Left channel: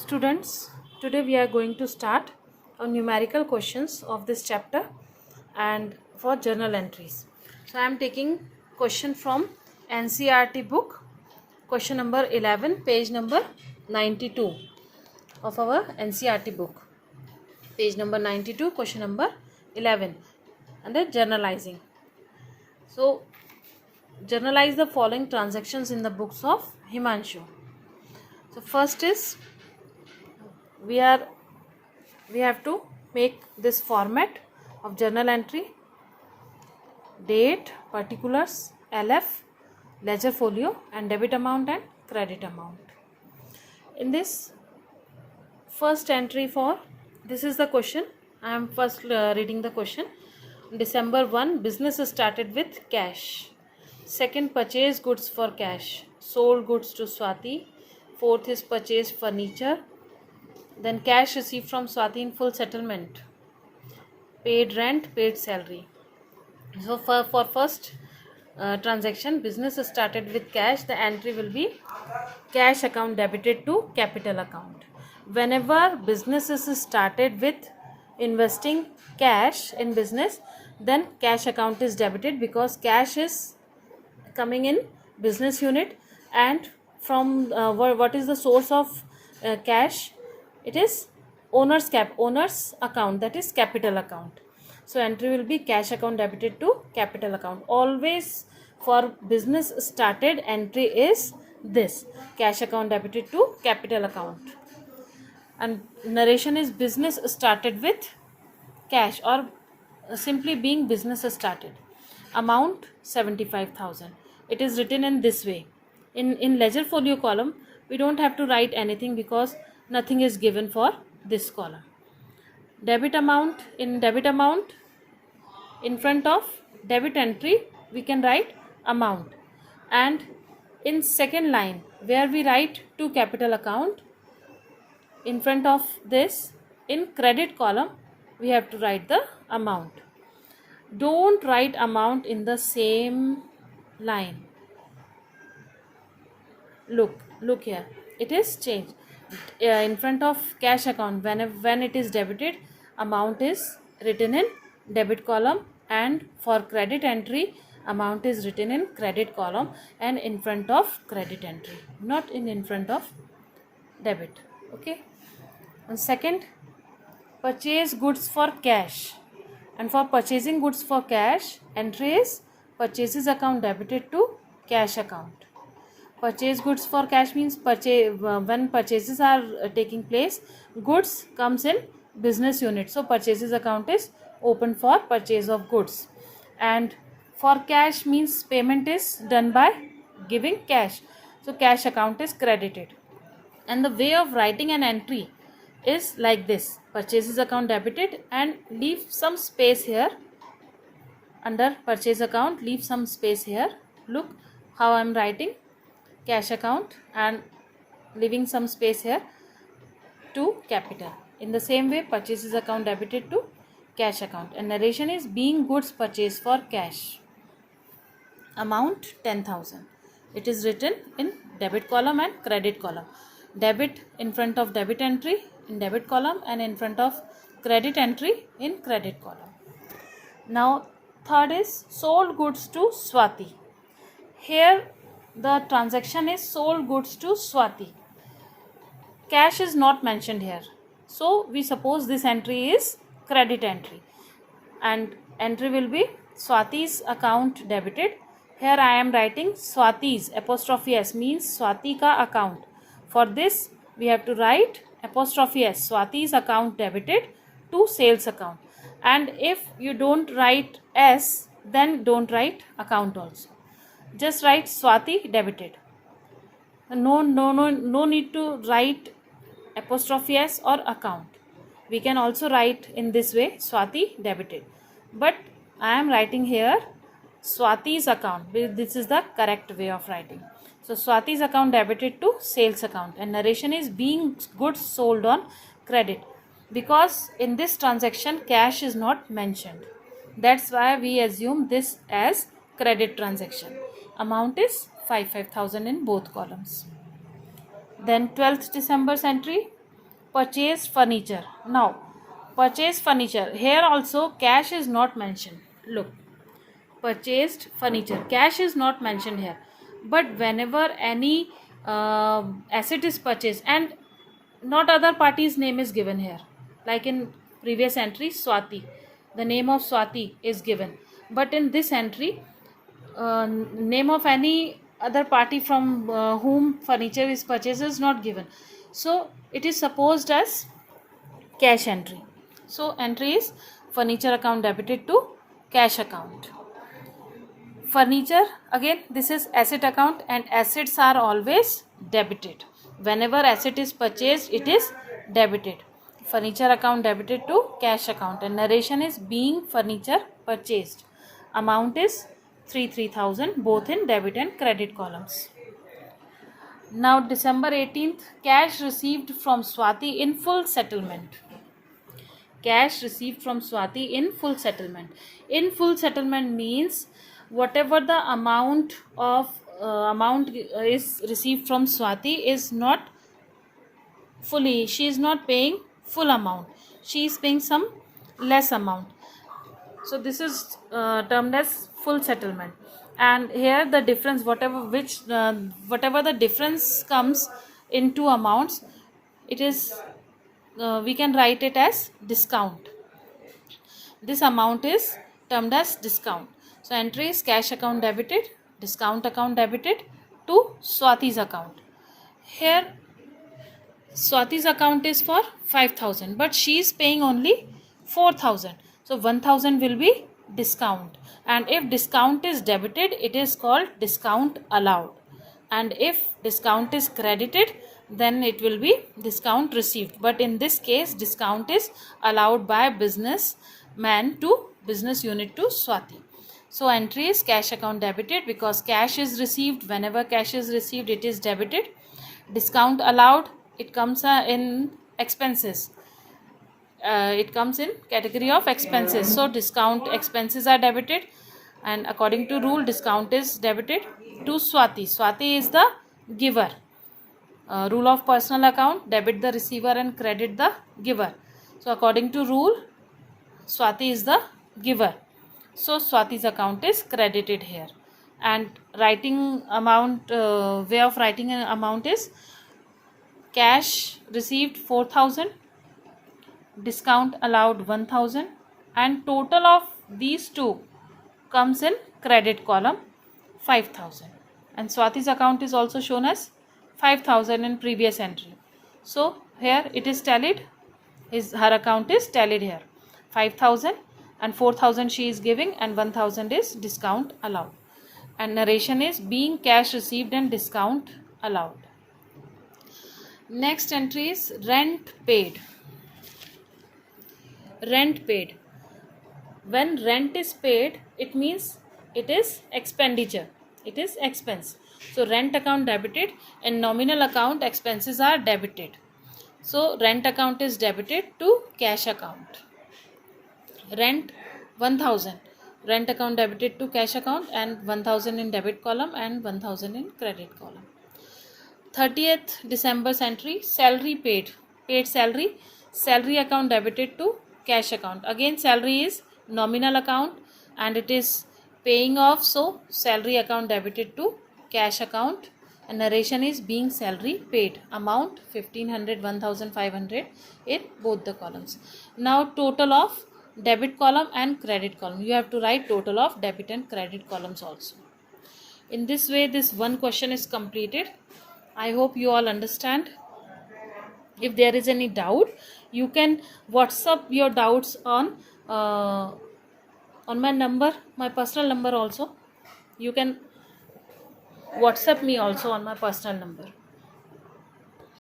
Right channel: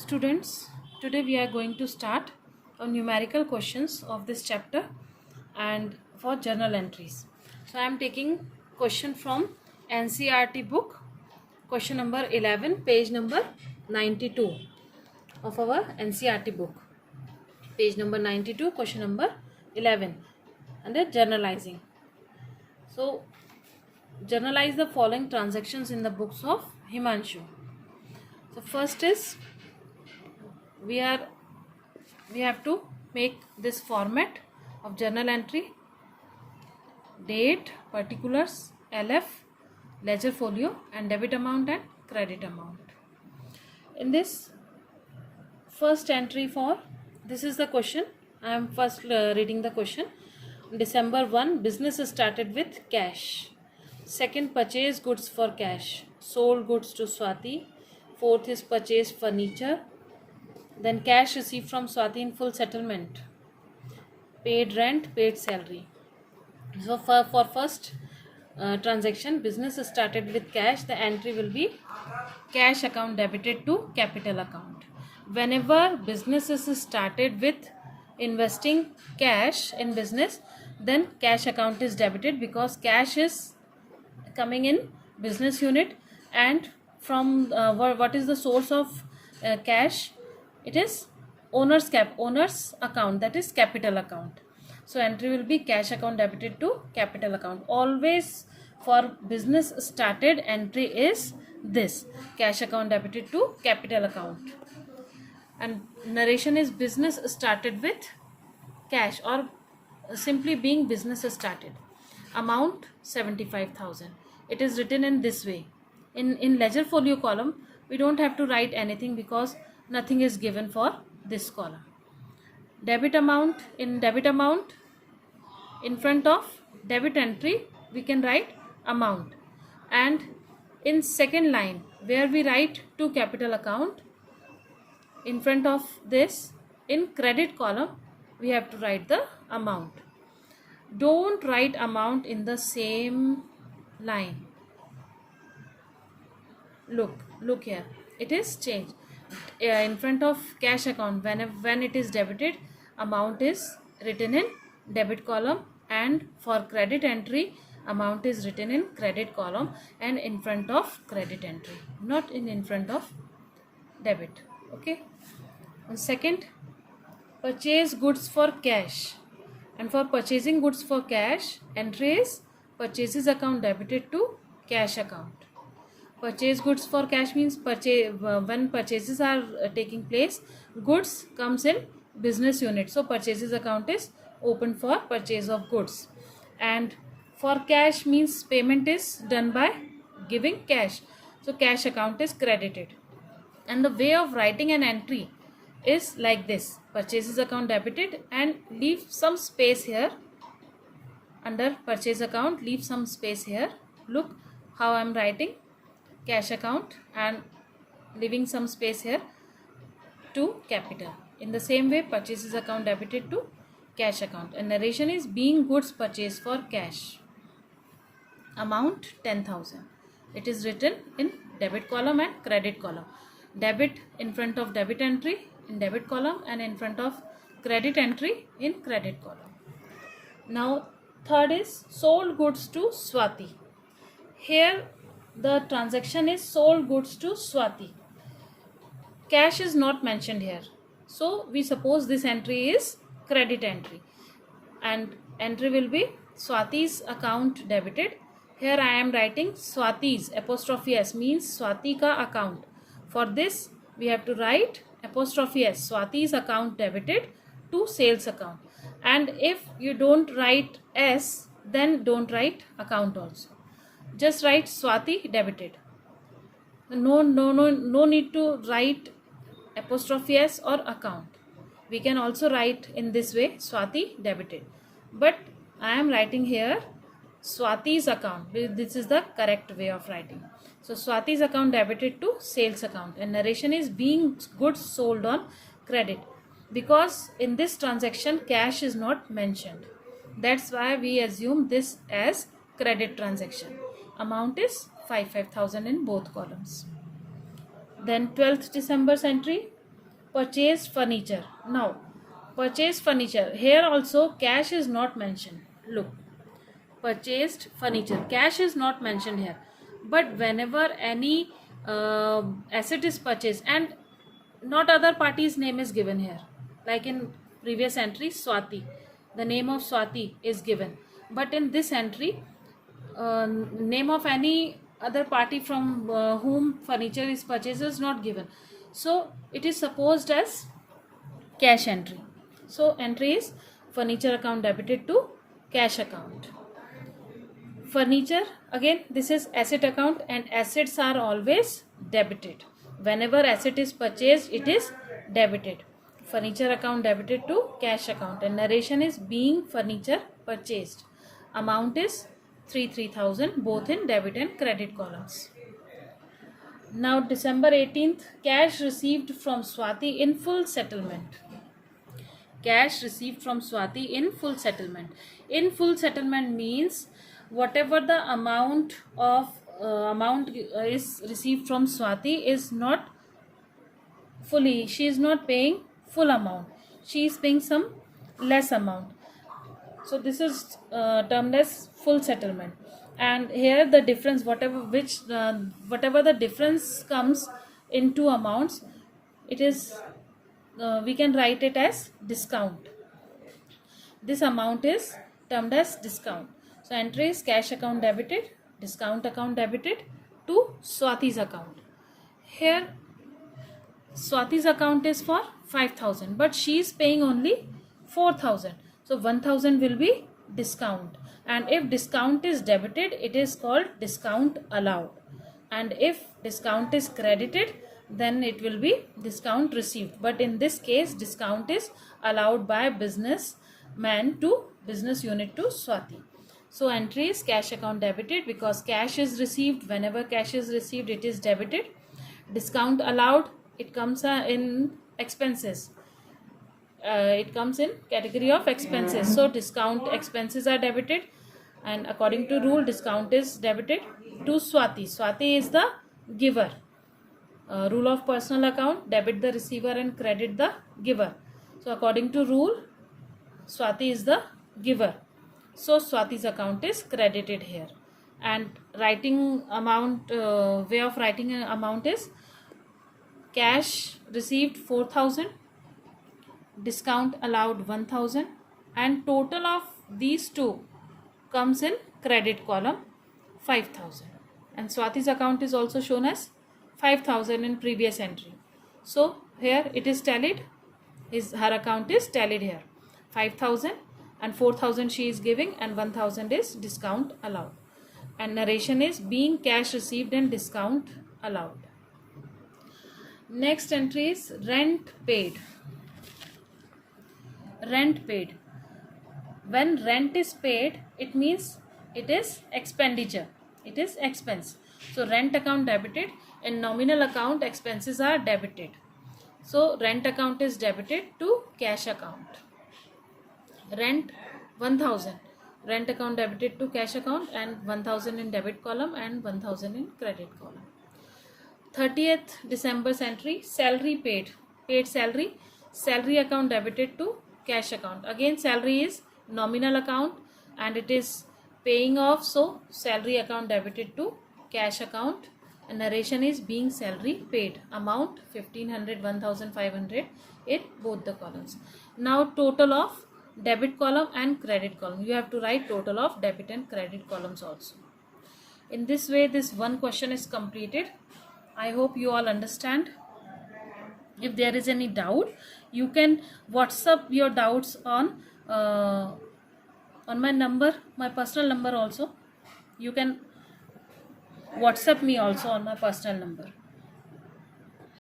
Students, today we are going to start our numerical questions of this chapter and for journal entries. So I am taking question from NCERT book, question number 11, page number 92 of our NCERT book. Page number 92, question number 11 under generalizing. So generalize the following transactions in the books of Himanshu. So first is we have to make this format of journal entry: date, particulars, LF, ledger folio, and debit amount and credit amount. In this first entry for this is the question. I am first reading the question. December 1, business started with cash. Second, purchase goods for cash. Sold goods to Swati. Fourth is purchase furniture. Then cash received from Swati in full settlement. Paid rent, paid salary. So for first transaction, business started with cash. The entry will be cash account debited to capital account. Whenever business is started with investing cash in business, then cash account is debited because cash is coming in business unit, and from what is the source of cash? It is owner's account, that is capital account. So entry will be cash account debited to capital account. Always for business started, entry is this: cash account debited to capital account. And narration is business started with cash, or simply being business started. Amount 75,000. It is written in this way. In ledger folio column, we don't have to write anything because nothing is given for this column. Debit amount, in debit amount, in front of debit entry we can write amount, and in second line where we write to capital account, in front of this in credit column we have to write the amount. Don't write amount in the same line. Look here, it is changed. In front of cash account, when it is debited, amount is written in debit column, and for credit entry amount is written in credit column and in front of credit entry, not in front of debit. Okay. And second, purchase goods for cash, and for purchasing goods for cash, entry is purchases account debited to cash account. Purchase goods for cash means when purchases are taking place, goods comes in business unit, so purchases account is open for purchase of goods. And for cash means payment is done by giving cash, so cash account is credited. And the way of writing an entry is like this: purchases account debited, and leave some space here under purchase account, leave some space here. Look how I am writing: cash account and leaving some space here to capital. In the same way, purchases account debited to cash account. And narration is being goods purchased for cash. Amount 10,000. It is written in debit column and credit column. Debit in front of debit entry in debit column, and in front of credit entry in credit column. Now third is sold goods to Swati. Here the transaction is sold goods to Swati. Cash is not mentioned here, so we suppose this entry is credit entry, and entry will be Swati's account debited. Here I am writing Swati's, apostrophe S means Swati ka account. For this we have to write apostrophe S, Swati's account debited to sales account. And if you don't write S, then don't write account also. Just write Swati debited. No need to write apostrophe S or account. We can also write in this way, Swati debited. But I am writing here Swati's account. This is the correct way of writing. So Swati's account debited to sales account. And narration is being goods sold on credit, because in this transaction cash is not mentioned. That's why we assume this as credit transaction. Amount is 5,000 in both columns. Then 12th December's entry, purchase furniture. Now purchase furniture, here also cash is not mentioned. Look, purchased furniture, cash is not mentioned here, but whenever any asset is purchased and not other party's name is given here, like in previous entry Swati, the name of Swati is given, but in this entry name of any other party from whom furniture is purchased is not given, so it is supposed as cash entry. So entry is furniture account debited to cash account. Furniture, again this is asset account and assets are always debited. Whenever asset is purchased, it is debited. Furniture account debited to cash account, and narration is being furniture purchased. Amount is 3,000, both in debit and credit columns. Now December 18th, cash received from Swati in full settlement. Cash received from Swati in full settlement. In full settlement means whatever the amount is received from Swati is not fully, she is not paying full amount, she is paying some less amount, so this is termed as full settlement. And here the difference, whatever the difference comes in two amounts, it is we can write it as discount. This amount is termed as discount. So entry is cash account debited, discount account debited to Swati's account. Here Swati's account is for 5,000, but she is paying only 4,000. So 1,000 will be discount. And if discount is debited, it is called discount allowed. And if discount is credited, then it will be discount received. But in this case, discount is allowed by businessman to business unit to Swati. So entry is cash account debited because cash is received. Whenever cash is received, it is debited. Discount allowed, it comes in expenses. It comes in category of expenses. So discount expenses are debited, and according to rule, discount is debited to Swati. Swati is the giver. Rule of personal account, debit the receiver and credit the giver. So according to rule, Swati is the giver. So Swati's account is credited here. And writing amount, way of writing an amount is cash received 4,000, discount allowed 1,000, and total of these two comes in credit column 5,000. And Swati's account is also shown as 5,000 in previous entry. So here it is tallied, her account is tallied here. 5,000 and 4,000 she is giving, and 1,000 is discount allowed. And narration is being cash received and discount allowed. Next entry is rent paid. Rent paid. When rent is paid, it means it is expenditure, it is expense. So rent account debited, in nominal account expenses are debited. So rent account is debited to cash account. Rent 1,000, rent account debited to cash account, and 1,000 in debit column and 1,000 in credit column. 30th December's entry, salary paid. Paid salary, salary account debited to cash account. Again salary is nominal account and it is paying off, so salary account debited to cash account. And narration is being salary paid. Amount 1,500, 1,500 in both the columns. Now total of debit column and credit column. You have to write total of debit and credit columns also. In this way, this one question is completed. I hope you all understand. If there is any doubt, you can WhatsApp your doubts on my number, my personal number also. You can WhatsApp me also on my personal number.